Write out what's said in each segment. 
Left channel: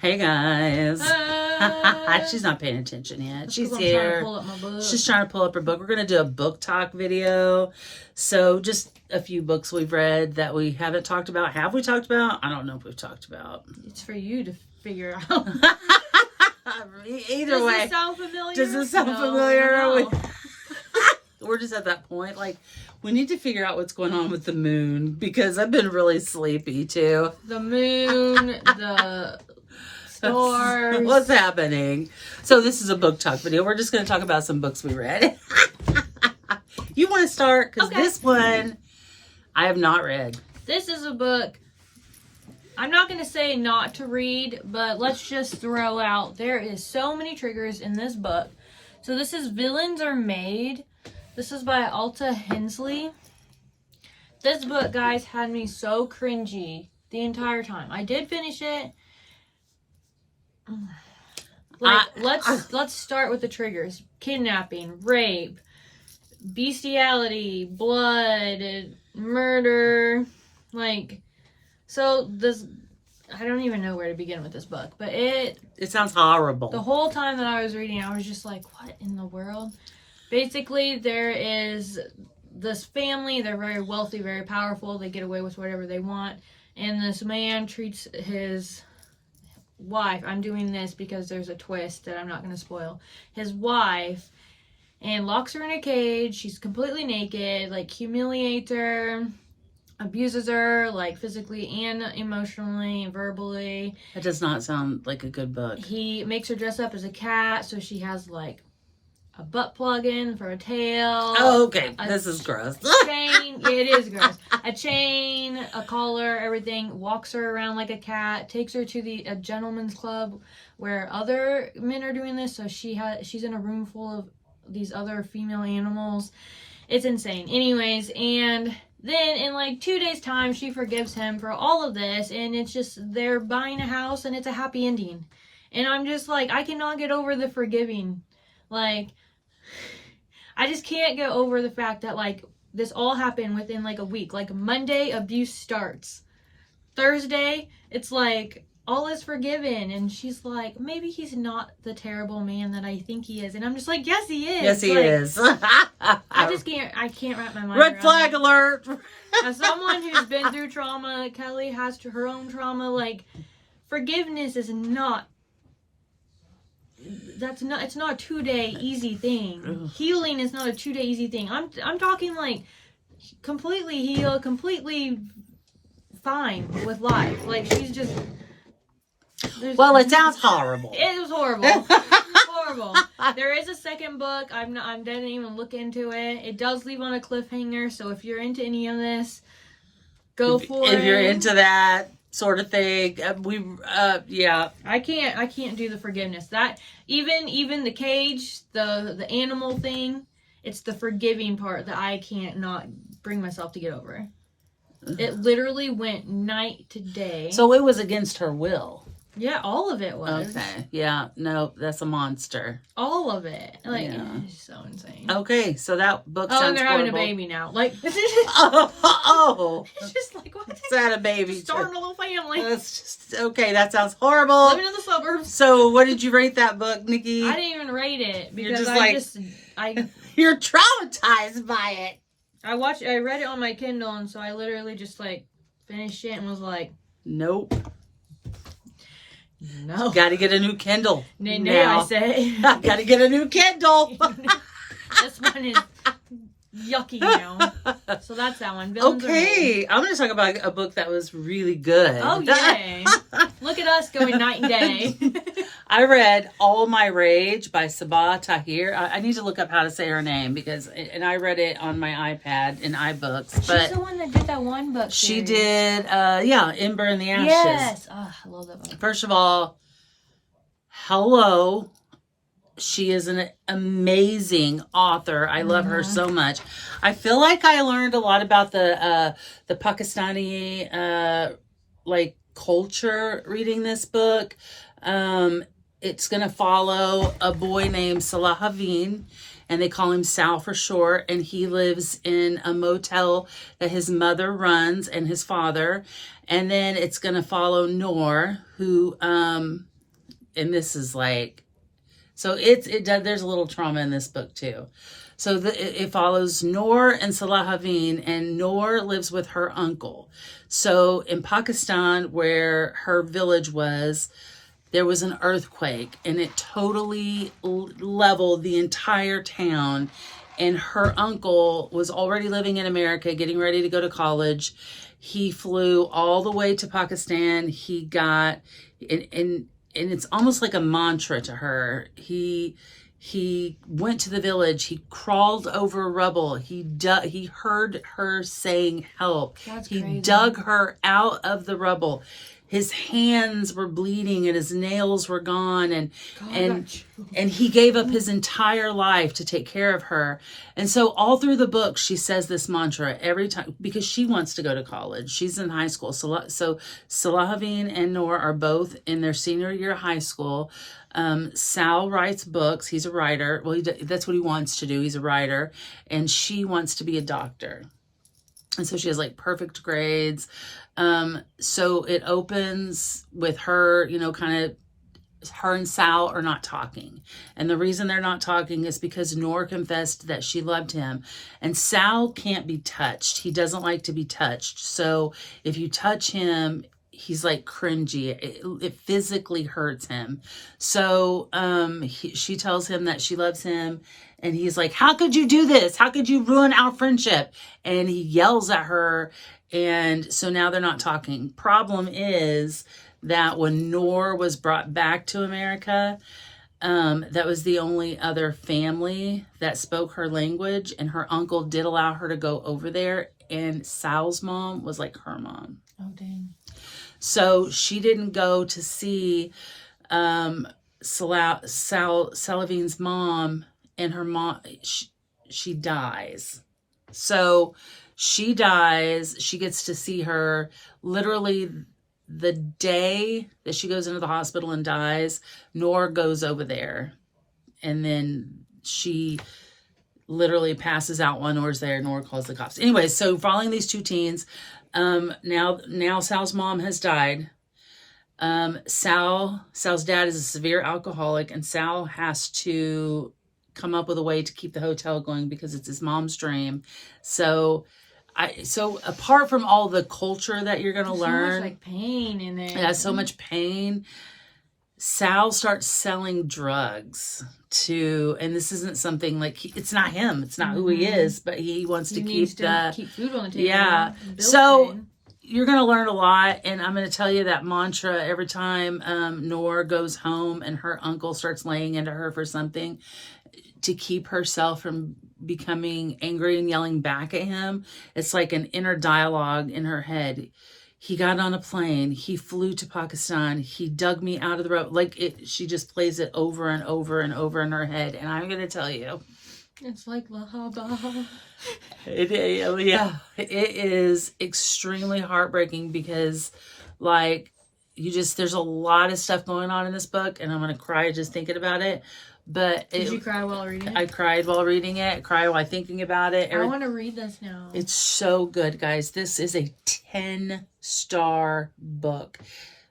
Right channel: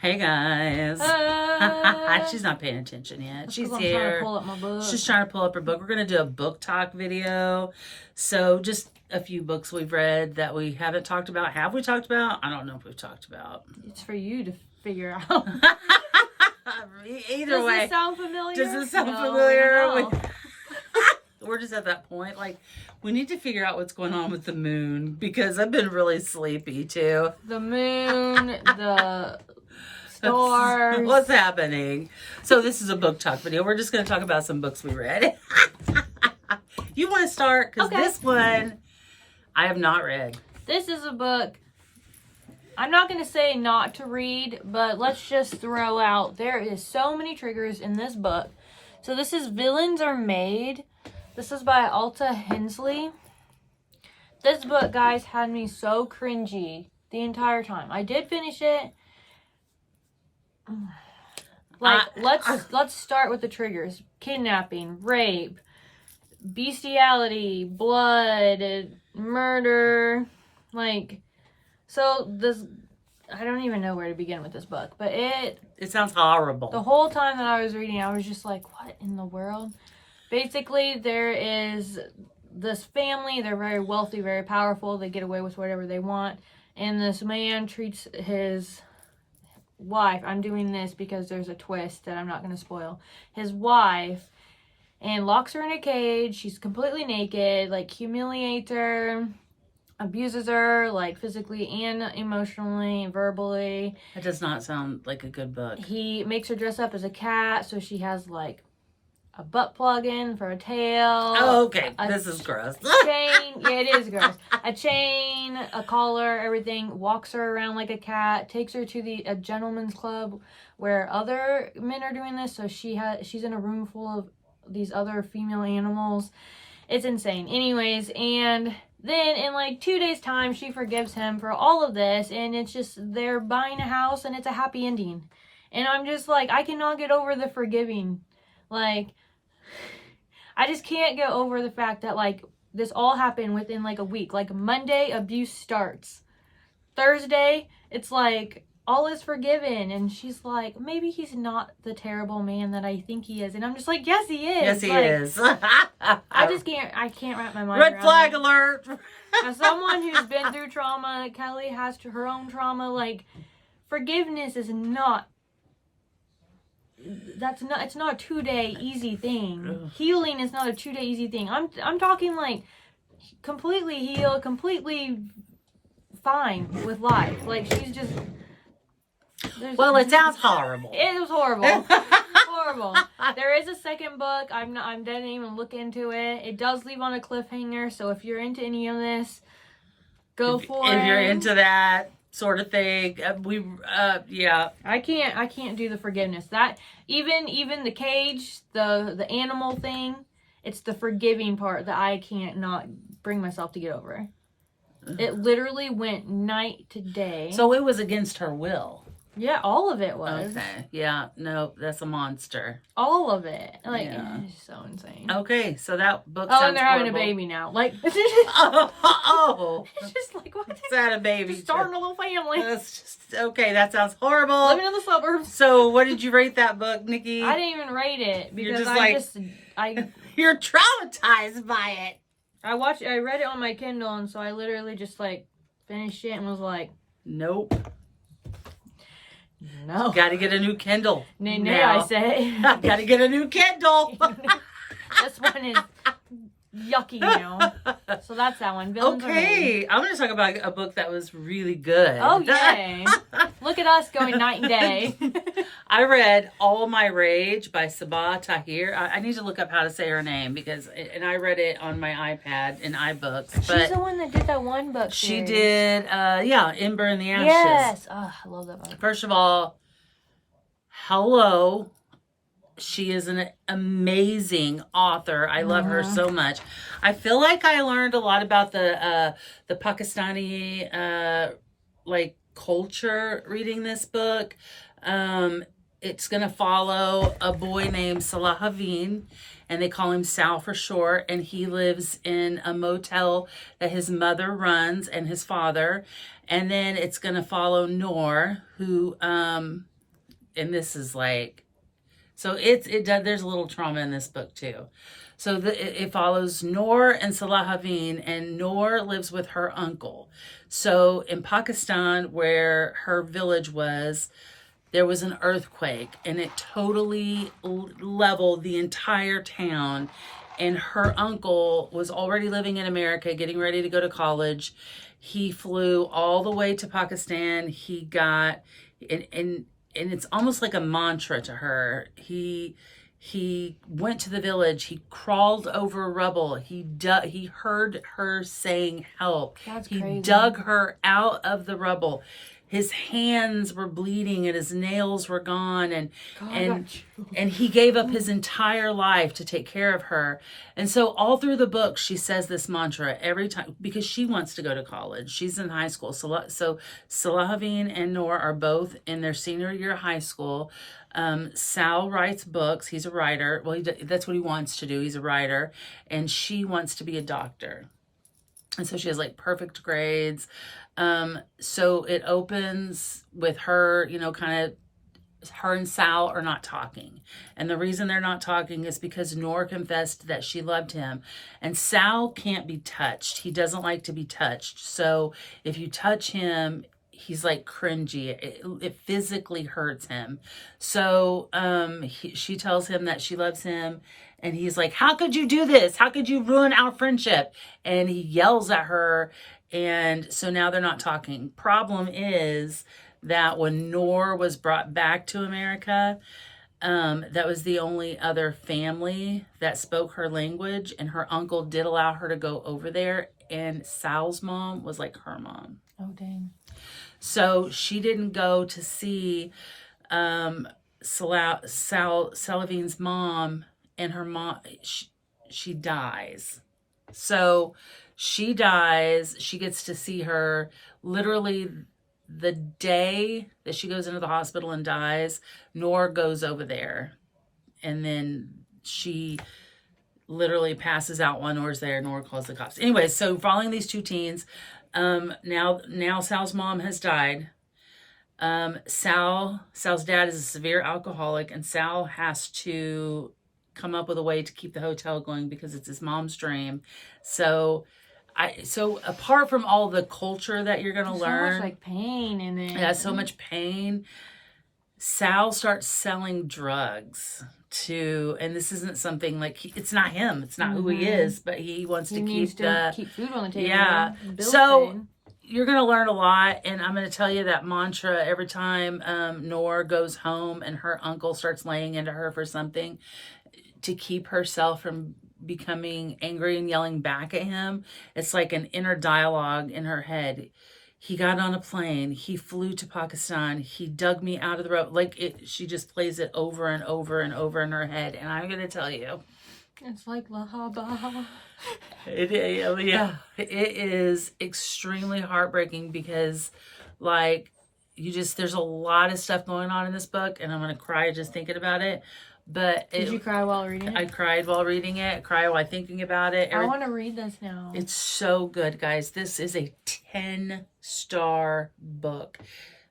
Hey guys. Hi. She's not paying attention yet. That's She's 'cause I'm here. trying to pull up my book. She's trying to pull up her book. We're going to do a book talk video. So just a few books we've read that we haven't talked about. Have we talked about? I don't know if we've talked about. It's for you to figure out. Either way. Does it sound familiar? Does it sound No, familiar? no. We're just at that point. Like, we need to figure out what's going on with the moon because I've been really sleepy too. The moon, the stars. What's happening? So this is a book talk video. We're just going to talk about some books we read. You want to start? Because this one I have not read. This is a book. I'm not going to say not to read, but let's just throw out there is so many triggers in this book. So this is Villains Are Made. This is by Alta Hensley. This book, guys, had me so cringy the entire time. I did finish it. Let's start with the triggers: kidnapping, rape, bestiality, blood, murder. So this, I don't even know where to begin with this book, but it sounds horrible. The whole time that I was reading, I was just like, what in the world? Basically, there is this family. They're very wealthy, very powerful. They get away with whatever they want. And this man treats his wife, I'm doing this because there's a twist that I'm not going to spoil, his wife, and locks her in a cage. She's completely naked, humiliates her, abuses her, physically and emotionally, verbally. That does not sound like a good book. He makes her dress up as a cat, so she has, a butt plug in for a tail. Oh, okay. This is gross. Chain. Yeah, it is gross. A chain, a collar, everything. Walks her around like a cat. Takes her to a gentleman's club where other men are doing this. So she's in a room full of these other female animals. It's insane. Anyways, and then in 2 days' time, she forgives him for all of this. And it's just, they're buying a house and it's a happy ending. And I'm just I cannot get over the forgiving. I just can't get over the fact that this all happened within a week. Monday, abuse starts. Thursday, it's all is forgiven, and she's maybe he's not the terrible man that I think he is, and I'm just yes, he is. Yes, he is. I can't wrap my mind Red around flag it. alert. As someone who's been through trauma, Kelly has her own trauma. Forgiveness is not. It's not a 2-day easy thing. Ugh. Healing is not a 2-day easy thing. I'm talking completely healed, completely fine with life. She's just. Well, it sounds horrible. It was horrible. Horrible. There is a second book. I didn't even look into it. It does leave on a cliffhanger. So if you're into any of this, go for it. If you're into that sort of thing, yeah. I can't do the forgiveness. That even the cage, the animal thing, it's the forgiving part that I can't not bring myself to get over. It literally went night to day. So it was against her will. Yeah, all of it was. Okay. Yeah. No, that's a monster. All of it. Yeah. It's so insane. Okay, so that book Oh, sounds and they're having horrible. a baby now. Oh. It's just what? It's had a baby. Just starting a little family. That's just okay. That sounds horrible. Living in the suburbs. So, what did you rate that book, Nikki? I didn't even rate it because You're just you're traumatized by it. I read it on my Kindle, and so I literally just finished it and was Nope. no. Got to get a new Kindle. I say. Got to get a new Kindle. This one is yucky now. So that's that one. Villains Are Made. Okay, I'm going to talk about a book that was really good. Oh, yay. Look at us going night and day. I read All My Rage by Sabah Tahir. I need to look up how to say her name and I read it on my iPad in iBooks. But she's the one that did that one book. she series. did, Ember in the Ashes. Yes. Oh, I love that book. First of all, hello. She is an amazing author. I love her so much. I feel like I learned a lot about the Pakistani culture reading this book. It's going to follow a boy named Salah Haveen, and they call him Sal for short, and he lives in a motel that his mother runs and his father. And then it's going to follow Noor, who and this is like, so there's a little trauma in this book too. So it follows Noor and Salahavin, and Noor lives with her uncle. So in Pakistan, where her village was, there was an earthquake, and it totally leveled the entire town. And her uncle was already living in America, getting ready to go to college. He flew all the way to Pakistan. He got, and it's almost like a mantra to her. He went to the village. He crawled over rubble. He heard her saying help. That's he crazy. dug her out of the rubble. His hands were bleeding and his nails were gone, and he gave up his entire life to take care of her. And so all through the book, she says this mantra every time, because she wants to go to college. She's in high school. So Salahavin and Noor are both in their senior year of high school. Sal writes books. He's a writer. Well, that's what he wants to do. He's a writer. And she wants to be a doctor. And so she has like perfect grades. So it opens with her, kind of, her and Sal are not talking. And the reason they're not talking is because Noor confessed that she loved him. And Sal can't be touched. He doesn't like to be touched. So if you touch him, he's like cringy. It physically hurts him. So she tells him that she loves him. And he's like, how could you do this? How could you ruin our friendship? And he yells at her. And so now they're not talking. Problem is that when Noor was brought back to America, that was the only other family that spoke her language. And her uncle did allow her to go over there. And Sal's mom was like her mom. Oh, dang. So she didn't go to see Salavin's mom, and her mom, she dies. So she dies. She gets to see her literally the day that she goes into the hospital and dies. Noor goes over there, and then she literally passes out while Noor's there. Noor calls the cops. Anyway, so following these two teens, now Sal's mom has died. Sal's dad is a severe alcoholic, and Sal has to come up with a way to keep the hotel going because it's his mom's dream. So apart from all the culture that you're going to learn, so much like pain in it. Yeah, so much pain. Sal starts selling drugs and this isn't something like, it's not him. It's not who he is, but he wants to keep food on the table. Yeah. So you're going to learn a lot. And I'm going to tell you that mantra every time Noor goes home and her uncle starts laying into her for something to keep herself from becoming angry and yelling back at him. It's like an inner dialogue in her head. He got on a plane. He flew to Pakistan. He dug me out of the road. She just plays it over and over and over in her head. And I'm going to tell you. It's like Lahaba. Yeah. It is extremely heartbreaking because there's a lot of stuff going on in this book. And I'm going to cry just thinking about it. But Did you cry while reading it? I cried while reading it. I cried while thinking about it. I want to read this now. It's so good, guys. This is a 10-star book.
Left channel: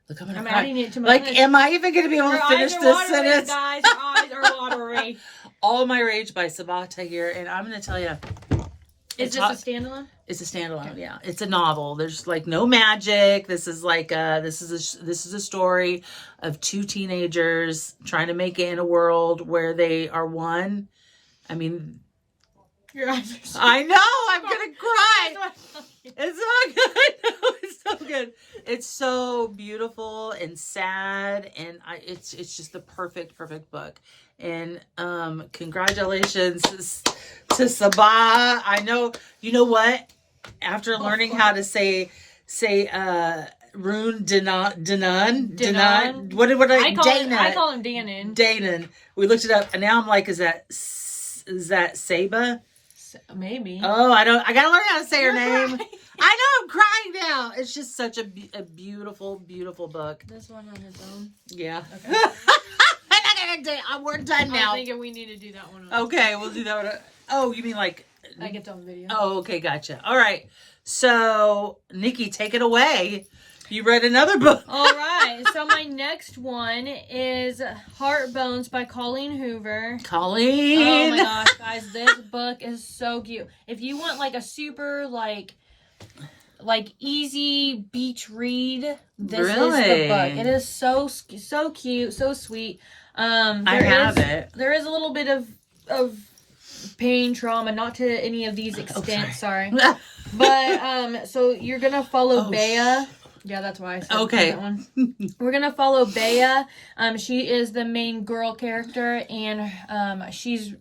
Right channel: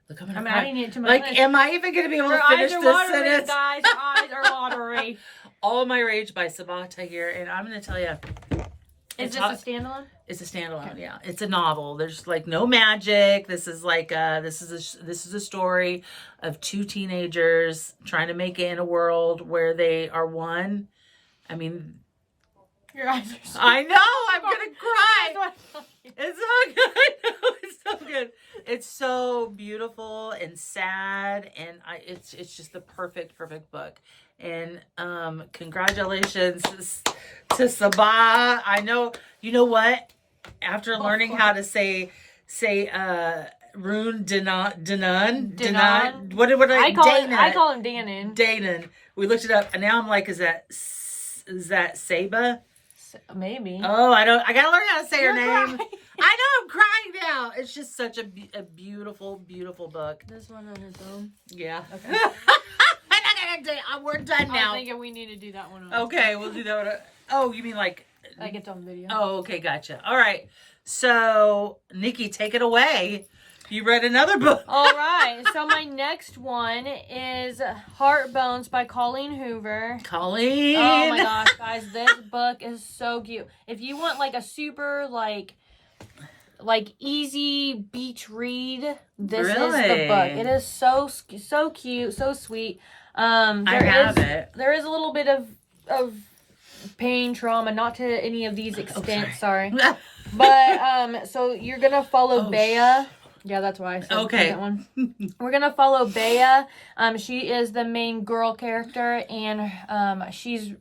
Look, I'm adding it to my list. am I even going to be able to finish this sentence? Guys, your eyes are watery. All My Rage by Sabata here, and I'm going to tell you. Is this a standalone? It's a standalone, yeah. It's a novel. There's no magic. This is this is a story of two teenagers trying to make it in a world where they are one. I mean, your eyes are so I know. I'm gonna cry. It's so good. No, it's so good. It's so beautiful and sad, and it's just the perfect book. And congratulations to Sabah. I know. You know what? After learning how to say Rune Danan. What I call him Danon. Danon. We looked it up, and now I'm like, is that Saba? Maybe. Oh, I gotta learn how to say her name. Crying. I know, I'm crying now. It's just such a beautiful, beautiful book. This one on its own. Yeah. Okay. We're done now. I'm thinking we need to do that one. Okay, we'll do that one. Oh, you mean like it's on video. Oh, okay, gotcha. All right. So, Nikki, take it away. You read another book. All right. So my next one is Heart Bones by Colleen Hoover. Colleen. Oh my gosh, guys, this book is so cute. If you want like a super like easy beach read, this is the book. It is so cute, so sweet. I have it. There is a little bit of pain, trauma, not to any of these extents, sorry. But so you're gonna follow Bea. Yeah, that's why I said that one. We're gonna follow Bea. She is the main girl character, and she's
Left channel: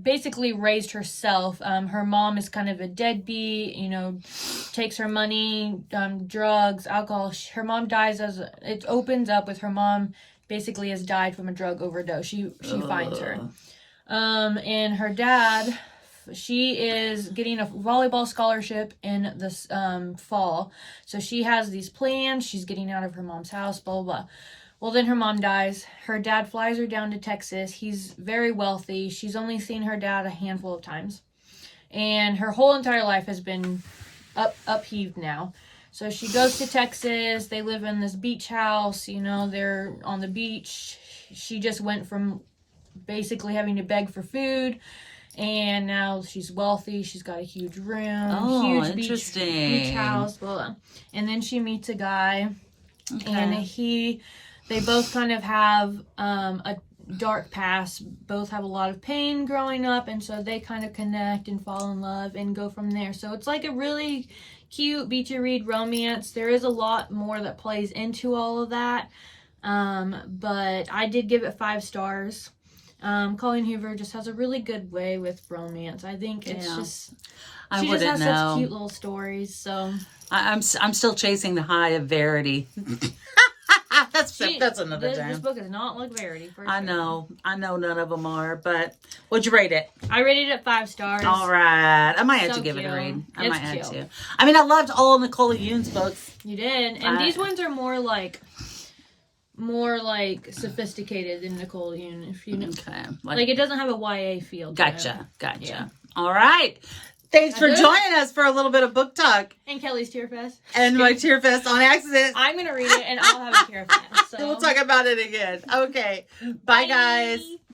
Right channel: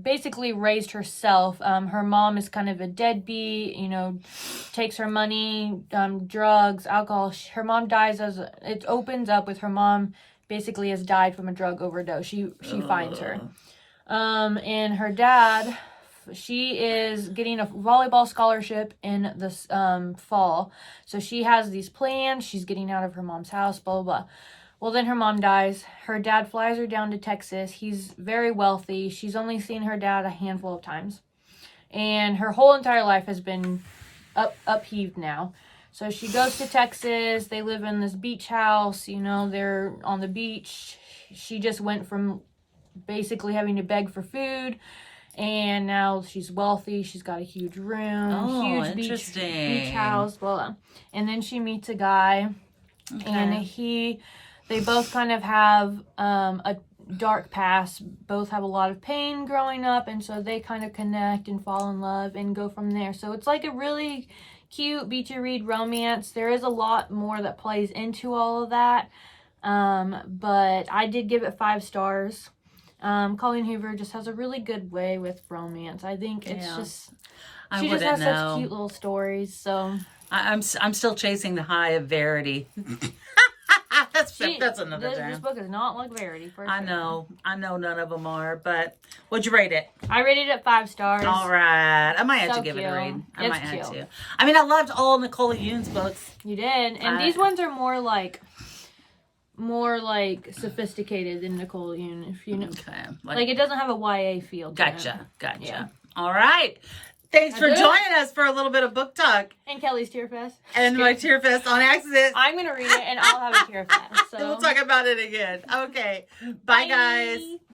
basically raised herself. Her mom is kind of a deadbeat, you know, takes her money, drugs, alcohol. Her mom dies it opens up with her mom basically has died from a drug overdose. She finds her. And her dad, she is getting a volleyball scholarship in this fall. So she has these plans. She's getting out of her mom's house, blah, blah, blah. Well, then her mom dies. Her dad flies her down to Texas. He's very wealthy. She's only seen her dad a handful of times. And her whole entire life has been upheaved now. So she goes to Texas. They live in this beach house. You know, they're on the beach. She just went from basically having to beg for food. And now she's wealthy. She's got a huge room. Huge beach house. Blah, blah. And then she meets a guy. Okay. And they both kind of have a dark past, both have a lot of pain growing up, and so they kind of connect and fall in love and go from there. So it's like a really cute beachy read romance. There is a lot more that plays into all of that, but I did give it 5 stars. Colleen Hoover just has a really good way with romance. I think it's just she just has such cute little stories. So I'm still chasing the high of Verity. That's another time. This book is not like Verity. I know none of them are, but what'd you rate it? I rated it 5 stars. All right, I might have to give it a read. I might have to. I mean, I loved all Nicole Yoon's books. You did, and these ones are more like sophisticated than Nicole Yoon. If you know, okay, like it doesn't have a YA feel. Gotcha. Yeah. All right. Thanks for joining us for a little bit of book talk. And Kelly's Tear Fest. And my Tear Fest on accident. I'm going to read it and I'll have a Tear Fest. So. Then we'll talk about it again. Okay. Bye, guys.